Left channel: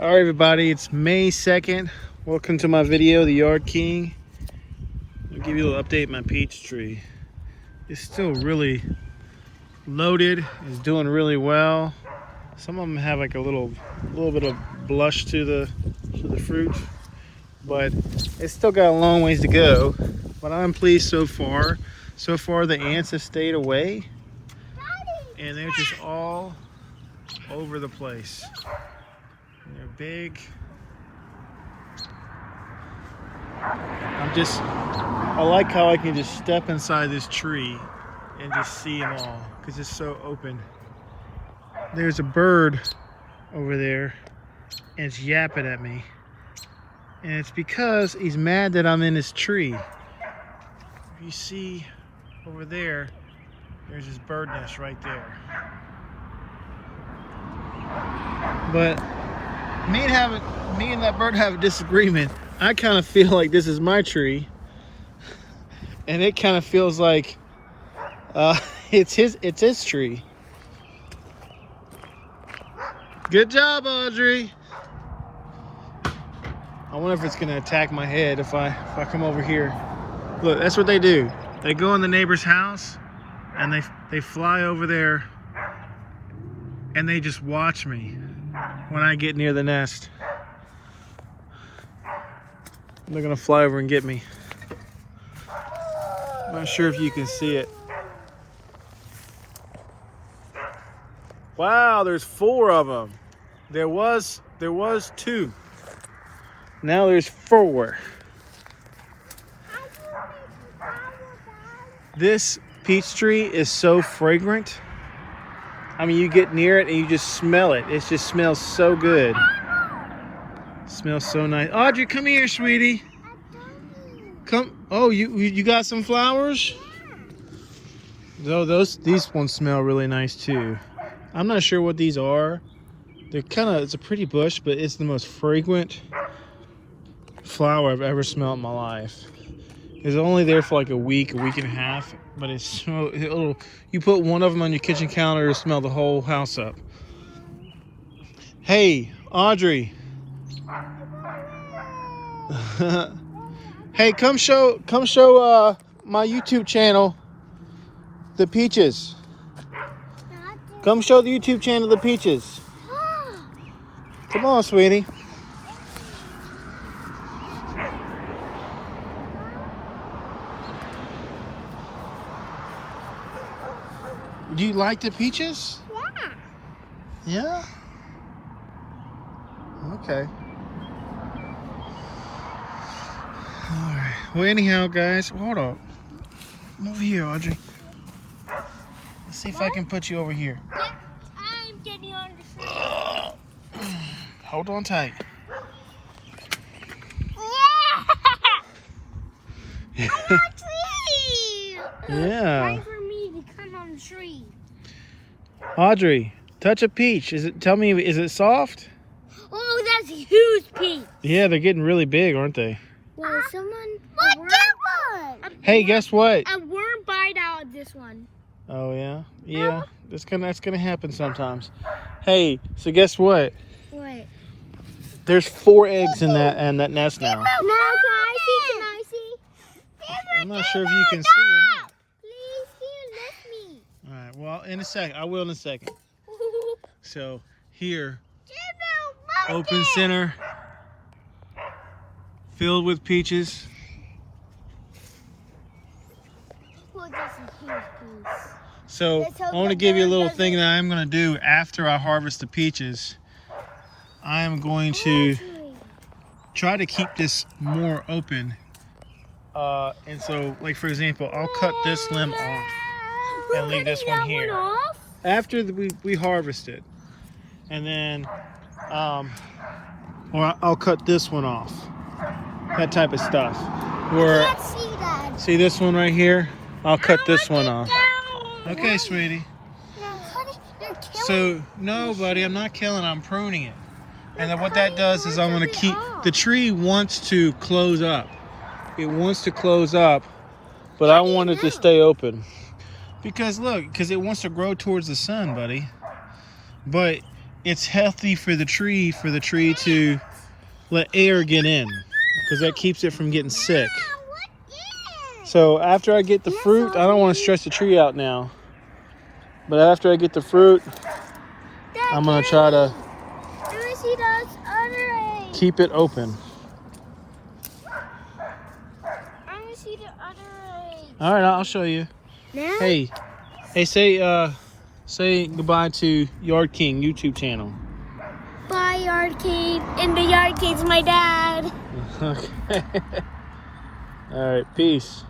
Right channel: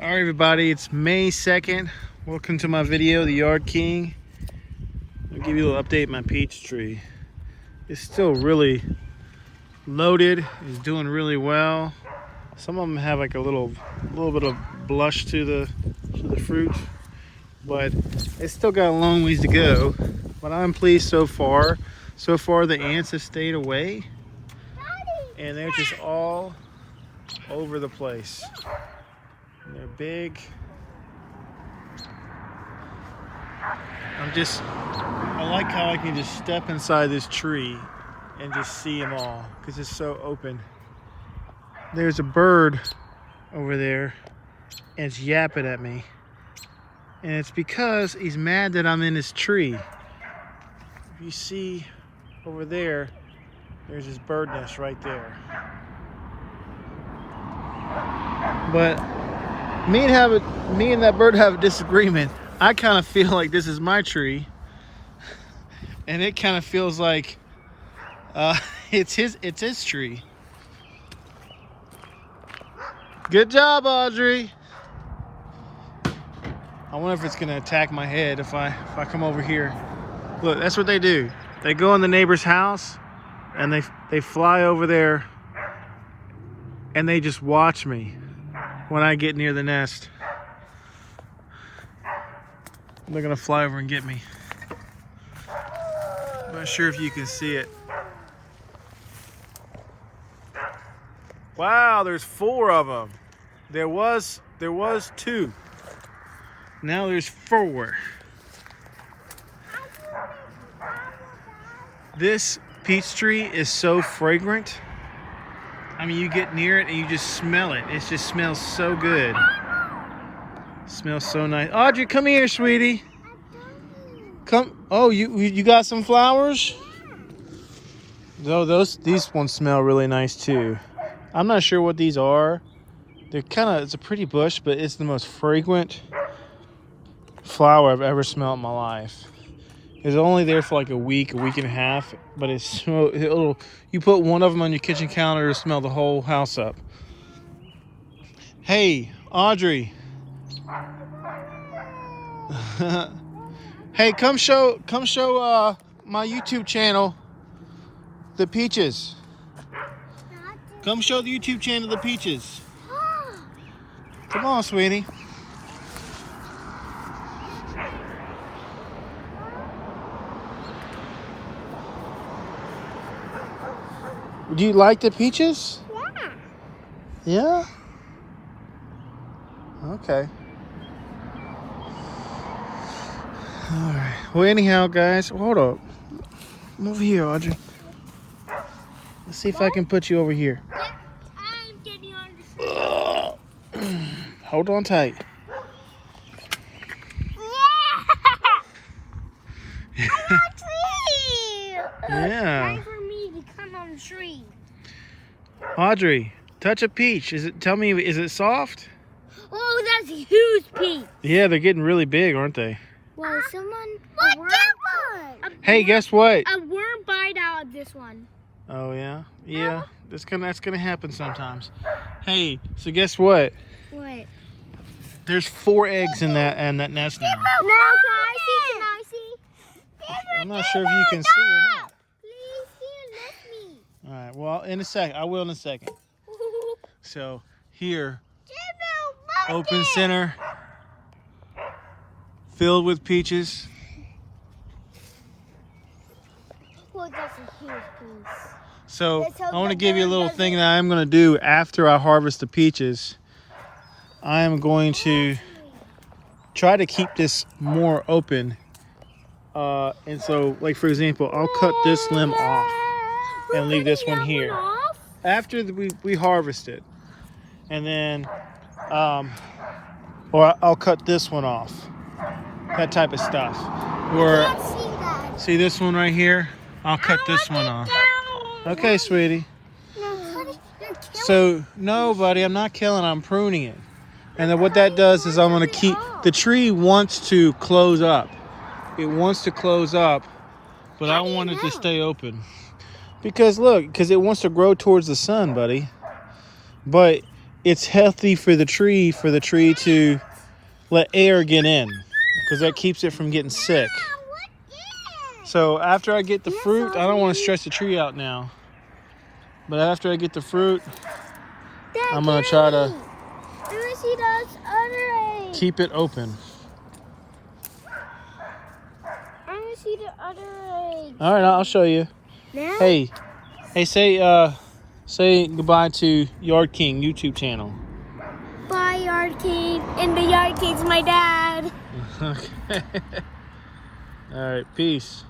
All right, everybody, it's May 2nd. Welcome to my video, The Yard King. I'll give you a little update on my peach tree. It's still really loaded. It's doing really well. Some of them have like a little bit of blush to the fruit, but it's still got a long ways to go. But I'm pleased so far. So far, the ants have stayed away, and they're just all over the place. And they're big. I like how I can just step inside this tree and just see them all because it's so open. There's a bird over there and it's yapping at me. And it's because he's mad that I'm in his tree. If you see over there, there's his bird nest right there. But me and that bird have a disagreement. I kind of feel like this is my tree, and it kind of feels like it's his tree. Good job, Audrey. I wonder if it's gonna attack my head if I come over here. Look, that's what they do. They go in the neighbor's house, and they fly over there, and they just watch me when I get near the nest. They're gonna fly over and get me. I'm not sure if you can see it. Wow, there's 4 of them. There was 2. Now there's 4. This peach tree is so fragrant. I mean, you get near it and you just smell it. It just smells so good. It smells so nice. Audrey, come here, sweetie. Come. Oh, you got some flowers? No, these ones smell really nice too. I'm not sure what these are. It's a pretty bush, but it's the most fragrant flower I've ever smelled in my life. It's only there for like a week and a half, but you put one of them on your kitchen counter to smell the whole house up. Hey, Audrey. Hey, come show my YouTube channel the peaches. Come show the YouTube channel the peaches. Come on, sweetie. Do you like the peaches? Yeah. Yeah? Okay. Alright. Well, anyhow, guys, hold up. Come over here, Audrey. Let's see if I can put you over here. I'm getting on the tree. Hold on tight. Yeah! I'm on a tree! Yeah. Time for me to come on the tree. Audrey, touch a peach. Tell me, is it soft? Oh, that's a huge peach. Yeah, they're getting really big, aren't they? Well, someone... Hey, guess what? A worm bite out of this one. Oh, yeah? Yeah, that's gonna happen sometimes. Hey, so guess what? What? There's 4 eggs in that nest now. No, can I see? Can I see? I'm not sure if you can see or not. Please, let me. All right, well, in a second. I will in a second. So, here, open center, filled with peaches. Oh, that's a huge piece. So, I want to give you a little thing that I'm going to do after I harvest the peaches. I am going to try to keep this more open. And so, like for example, I'll cut this limb off and leave this one here. After we harvest it. And then, or I'll cut this one off. That type of stuff. Or, see this one right here? I'll cut this one off. Okay, sweetie. So, no, buddy, I'm not killing, I'm pruning it. And then what that does is I'm going to keep, the tree wants to close up. It wants to close up, but I want it to stay open. Because look, because it wants to grow towards the sun, buddy. But it's healthy for the tree to let air get in, because that keeps it from getting sick. So after I get the fruit, I don't want to stress the tree out now. But after I get the fruit, I'm going to try to keep it open. All right, I'll show you. Now? Hey, say goodbye to Yard King YouTube channel. Bye, Yard King. And the Yard King's my dad. Okay. All right, peace.